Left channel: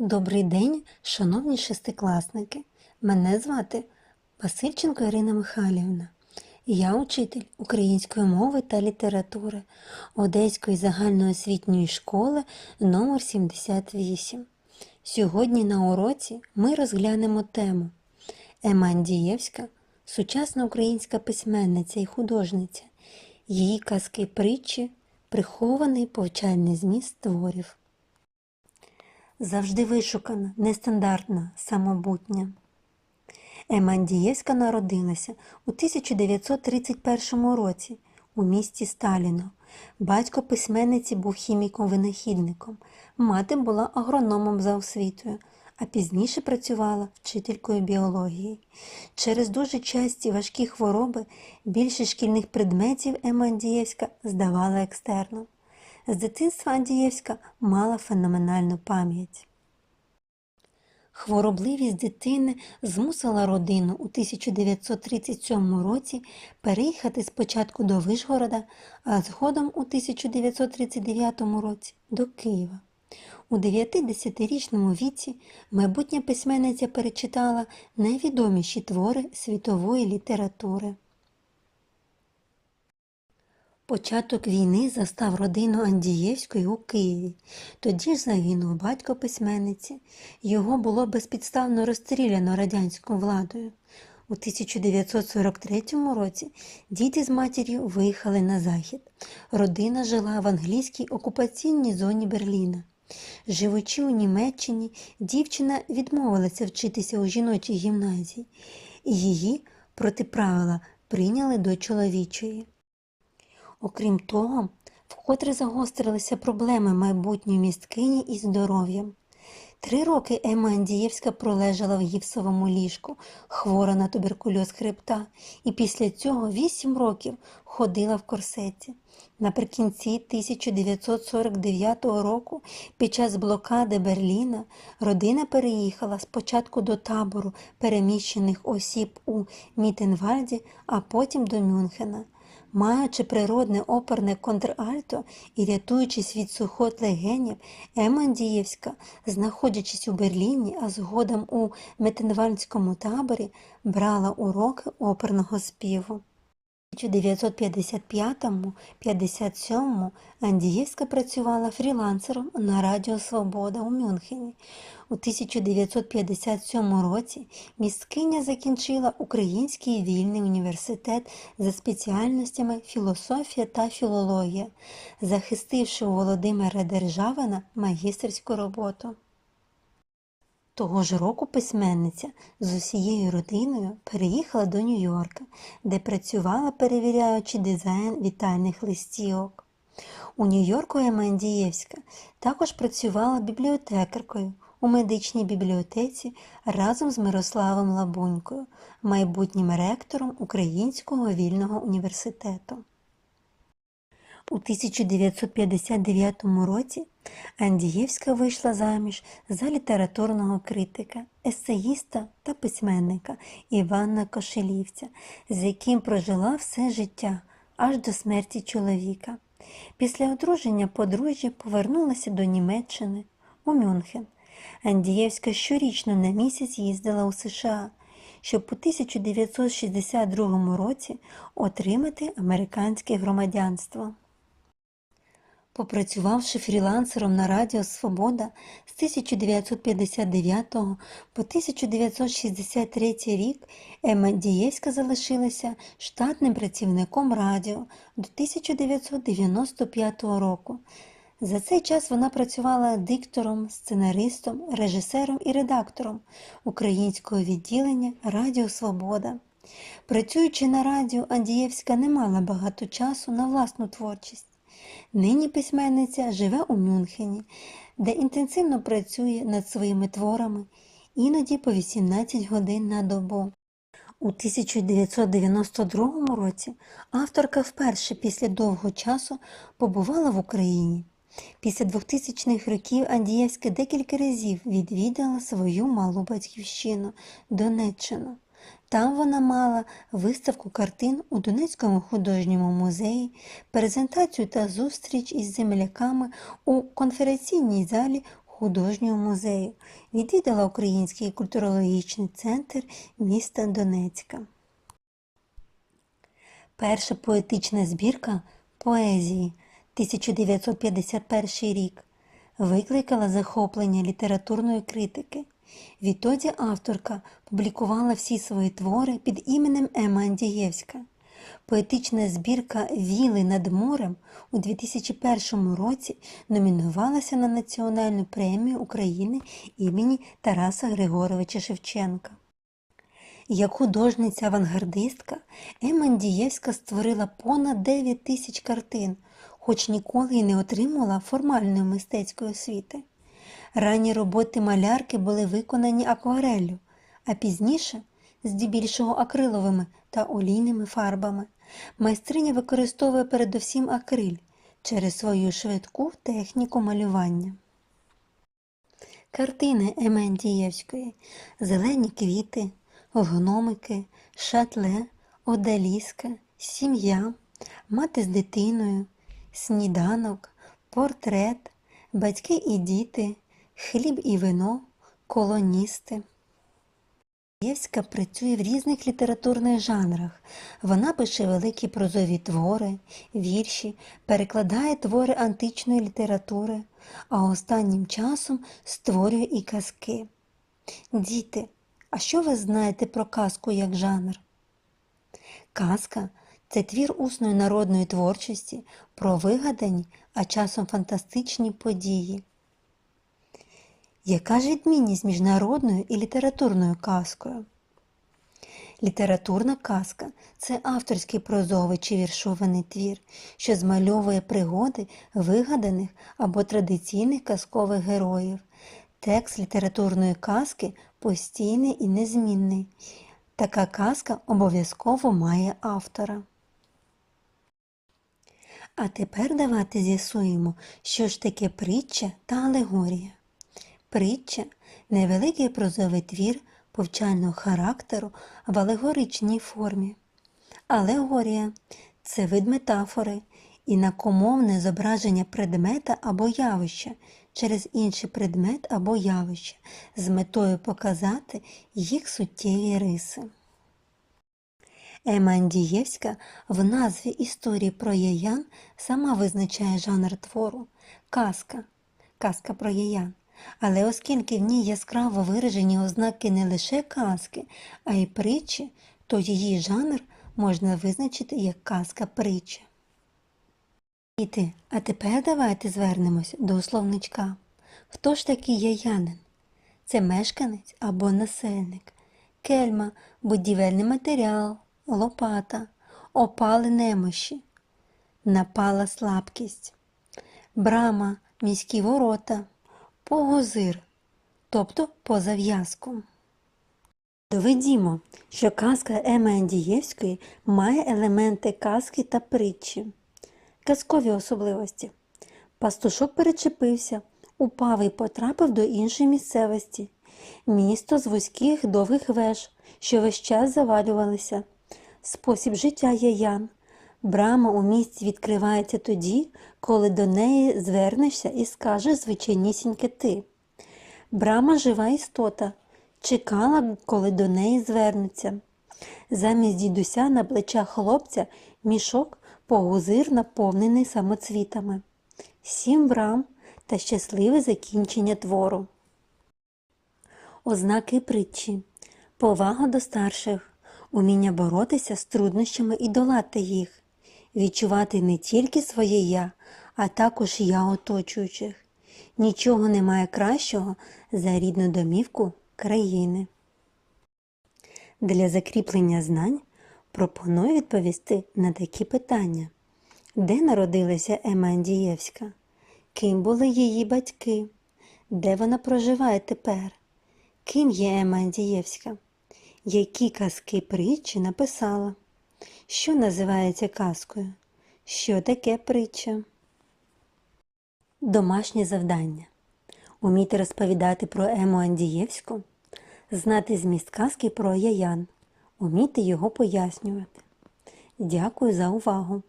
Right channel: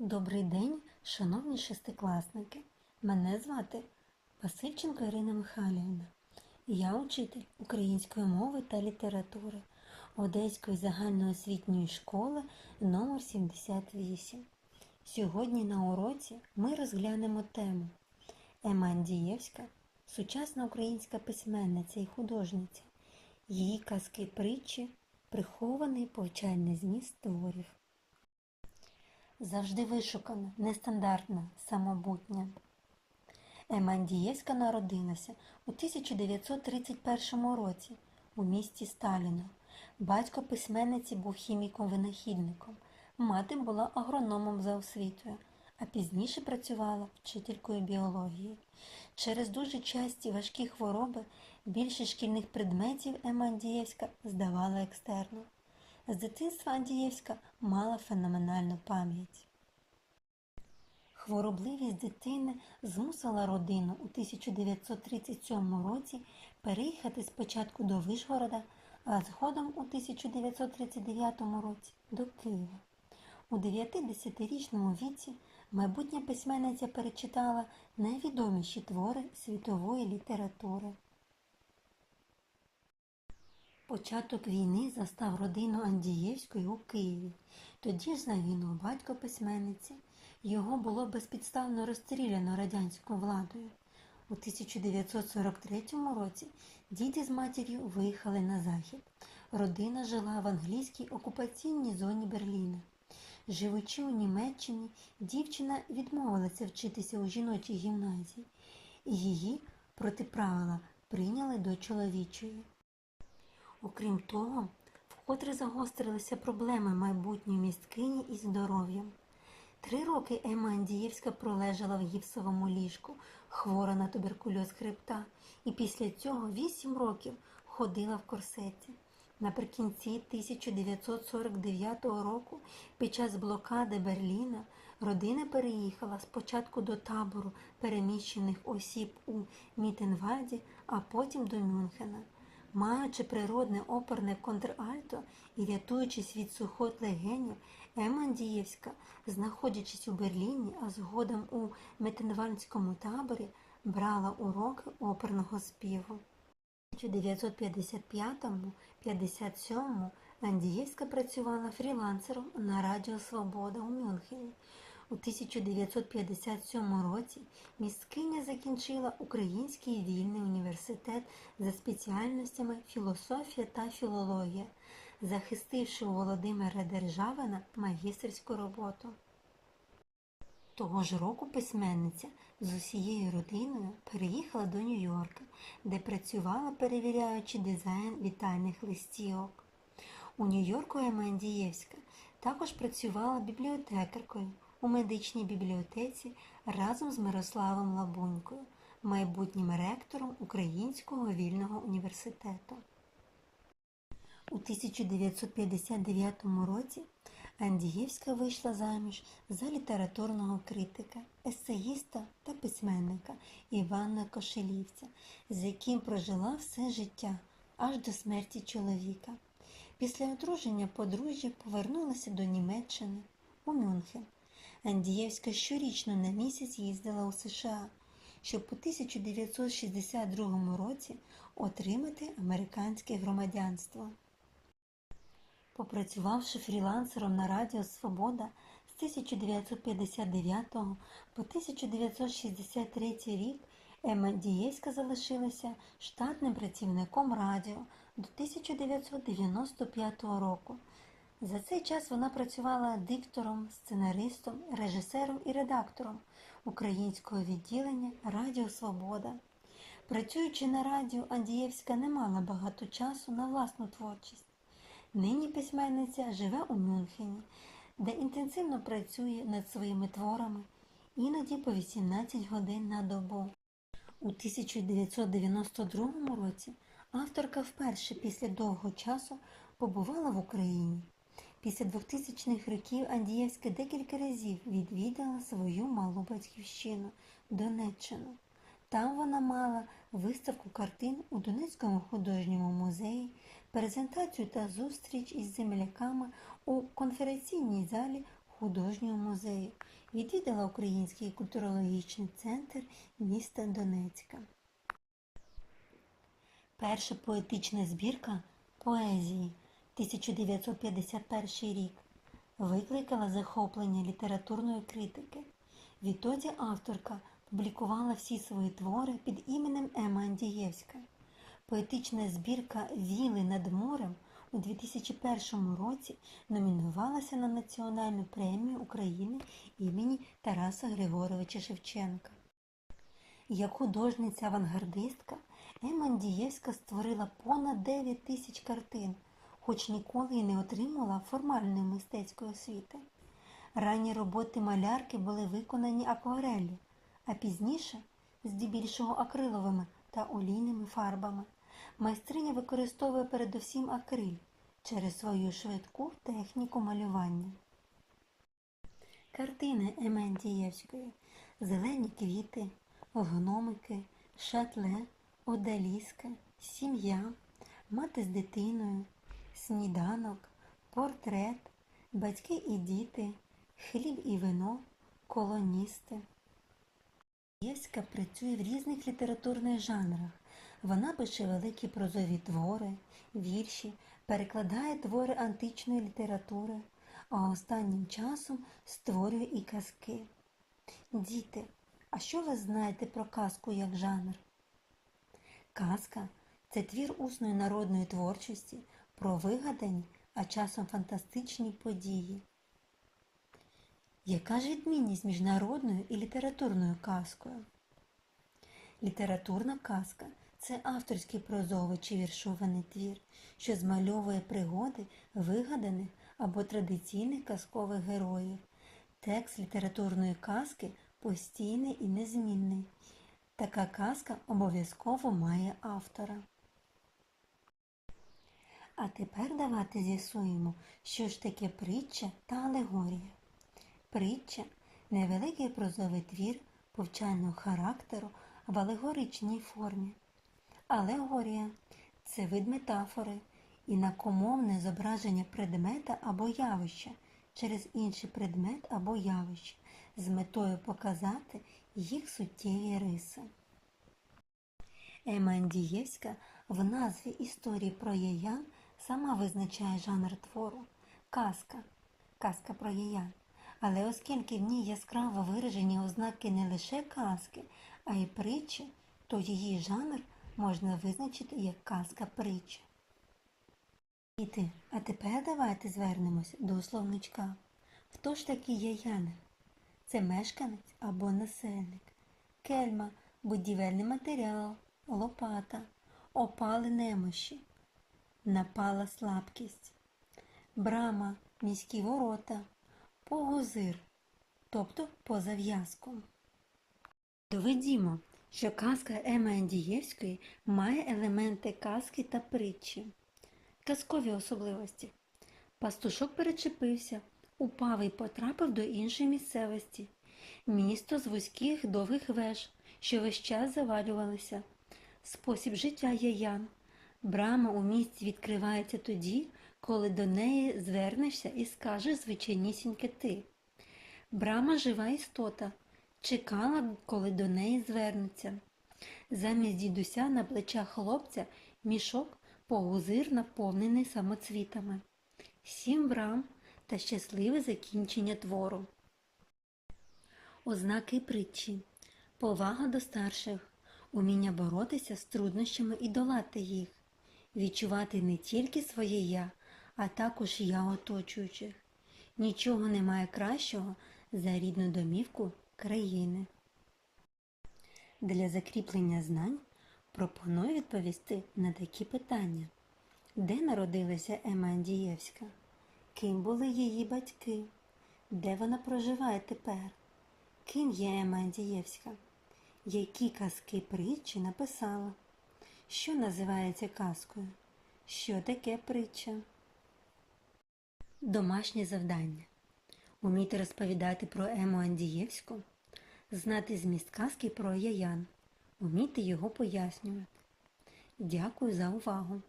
Добрий день, шановні шестикласники. Мене звати Васильченко Ірина Михайлівна. Я учитель української мови та літератури Одеської загальноосвітньої школи номер 78. Сьогодні на уроці ми розглянемо тему Ема Андієвська – сучасна українська письменниця і художниця. Її казки притчі, прихований повчальний зміст творів завжди вишукана, нестандартна, самобутня. Ема Андієвська народилася у 1931 році у місті Сталіно. Батько письменниці був хіміком-винахідником, мати була агрономом за освітою, а пізніше працювала вчителькою біології. Через дуже часті важкі хвороби більше шкільних предметів Ема Андієвська здавала екстерном. З дитинства Андієвська мала феноменальну пам'ять. Хворобливість дитини змусила родину у 1937 році переїхати спочатку до Вишгорода, а згодом у 1939 році до Києва. У 9-10-річному віці майбутня письменниця перечитала найвідоміші твори світової літератури. Початок війни застав родину Андієвської у Києві. Тоді ж загинув батько письменниці. Його було безпідставно розстріляно радянською владою. У 1943 році діти з матір'ю виїхали на захід. Родина жила в англійській окупаційній зоні Берліна. Живучи у Німеччині, дівчина відмовилася вчитися у жіночій гімназії, її проти правила прийняли до чоловічої. Окрім того, вкотре загострилися проблеми майбутньої місткині із здоров'ям. Три роки Ема Андієвська пролежала в гіпсовому ліжку, хвора на туберкульоз хребта, і після цього вісім років ходила в корсеті. Наприкінці 1949 року, під час блокади Берліна, родина переїхала спочатку до табору переміщених осіб у Мітенвальді, а потім до Мюнхена. Маючи природне оперне контральто і рятуючись від сухот легенів, Ема Андієвська, знаходячись у Берліні, а згодом у Метенвальдському таборі, брала уроки оперного співу. У 1955-57 Андієвська працювала фрілансером на Радіо Свобода у Мюнхені. У 1957 році місткиня закінчила Український вільний університет за спеціальностями філософія та філологія, захистивши у Володимира Державина магістерську роботу. Того ж року письменниця з усією родиною переїхала до Нью-Йорка, де працювала, перевіряючи дизайн вітальних листівок. У Нью-Йорку Емандієвська також працювала бібліотекаркою у медичній бібліотеці разом з Мирославом Лабунькою, майбутнім ректором Українського вільного університету. У 1959 році Андієвська вийшла заміж за літературного критика, есеїста та письменника Івана Кошелівця, з яким прожила все життя аж до смерті чоловіка. Після одруження подружжя повернулася до Німеччини у Мюнхен. Андієвська щорічно на місяць їздила у США, щоб у 1962 році отримати американське громадянство. Попрацювавши фрілансером на Радіо Свобода з 1959 по 1963 рік, Ема Дієвська залишилася штатним працівником радіо до 1995 року. За цей час вона працювала диктором, сценаристом, режисером і редактором українського відділення Радіо Свобода. Працюючи на радіо, Андієвська не мала багато часу на власну творчість. Нині письменниця живе у Мюнхені, де інтенсивно працює над своїми творами, іноді по 18 годин на добу. У 1992 році авторка вперше після довгого часу побувала в Україні. Після 2000-х років Андієвська декілька разів відвідала свою малу батьківщину Донеччину. Там вона мала виставку картин у Донецькому художньому музеї, презентацію та зустріч із земляками у конференційній залі художнього музею, відвідала Український культурологічний центр міста Донецька. Перша поетична збірка поезії 1951 рік викликала захоплення літературної критики. Відтоді авторка публікувала всі свої твори під іменем Ема Андієвська. Поетична збірка Віли над морем у 2001 році номінувалася на Національну премію України імені Тараса Григоровича Шевченка. Як художниця-авангардистка Ема Андієвська створила понад 9 тисяч картин, хоч ніколи й не отримала формальної мистецької освіти. Ранні роботи малярки були виконані аквареллю, а пізніше здебільшого акриловими та олійними фарбами. Майстриня використовує передусім акриль через свою швидку техніку малювання. Картини Емендієвської Зелені квіти, гномики, шатле, одаліска, сім'я, мати з дитиною, сніданок, портрет, батьки і діти, хліб і вино, колоністи. Євська працює в різних літературних жанрах. Вона пише великі прозові твори, вірші, перекладає твори античної літератури, а останнім часом створює і казки. Діти, а що ви знаєте про казку як жанр? Казка це твір усної народної творчості про вигадані, а часом фантастичні події. Яка ж відмінність між народною і літературною казкою? Літературна казка це авторський прозовий чи віршований твір, що змальовує пригоди вигаданих або традиційних казкових героїв. Текст літературної казки постійний і незмінний. Така казка обов'язково має автора. А тепер давайте з'ясуємо, що ж таке притча та алегорія. Притча невеликий прозовий твір повчального характеру в алегоричній формі. Алегорія це вид метафори, інакомовне зображення предмета або явища через інший предмет або явище з метою показати їх суттєві риси. Ема Андієвська в назві історії про яян сама визначає жанр твору казка, казка про яян. Але оскільки в ній яскраво виражені ознаки не лише казки, а й притчі, то її жанр можна визначити як казка притча. Діти, а тепер давайте звернемось до словничка. Хто ж такий яянин? Це мешканець або насельник, кельма, будівельний матеріал, лопата, опали немощі, напала слабкість, брама, міські ворота, погозир, тобто по зав'язку. Доведімо, що казка Еми Андієвської має елементи казки та притчі. Казкові особливості. Пастушок перечепився, упав і потрапив до іншої місцевості. Місто з вузьких довгих веж, що весь час завалювалися. Спосіб життя яян. Брама у місті відкривається тоді, коли до неї звернешся і скажеш звичайнісіньке ти. Брама жива істота, чекала, коли до неї звернеться. Замість дідуся на плечах хлопця мішок погузир наповнений самоцвітами. Сім брам та щасливе закінчення твору. Ознаки притчі. Повага до старших, уміння боротися з труднощами і долати їх, відчувати не тільки своє я, а також я оточуючих. Нічого немає кращого за рідну домівку країни. Для закріплення знань пропоную відповісти на такі питання. Де народилася Ема Андієвська? Ким були її батьки? Де вона проживає тепер? Ким є Ема Андієвська? Які казки притчі написала? Що називається казкою? Що таке притча? Домашнє завдання. Уміти розповідати про Ему Андієвську, знати зміст казки про яян, уміти його пояснювати. Дякую за увагу!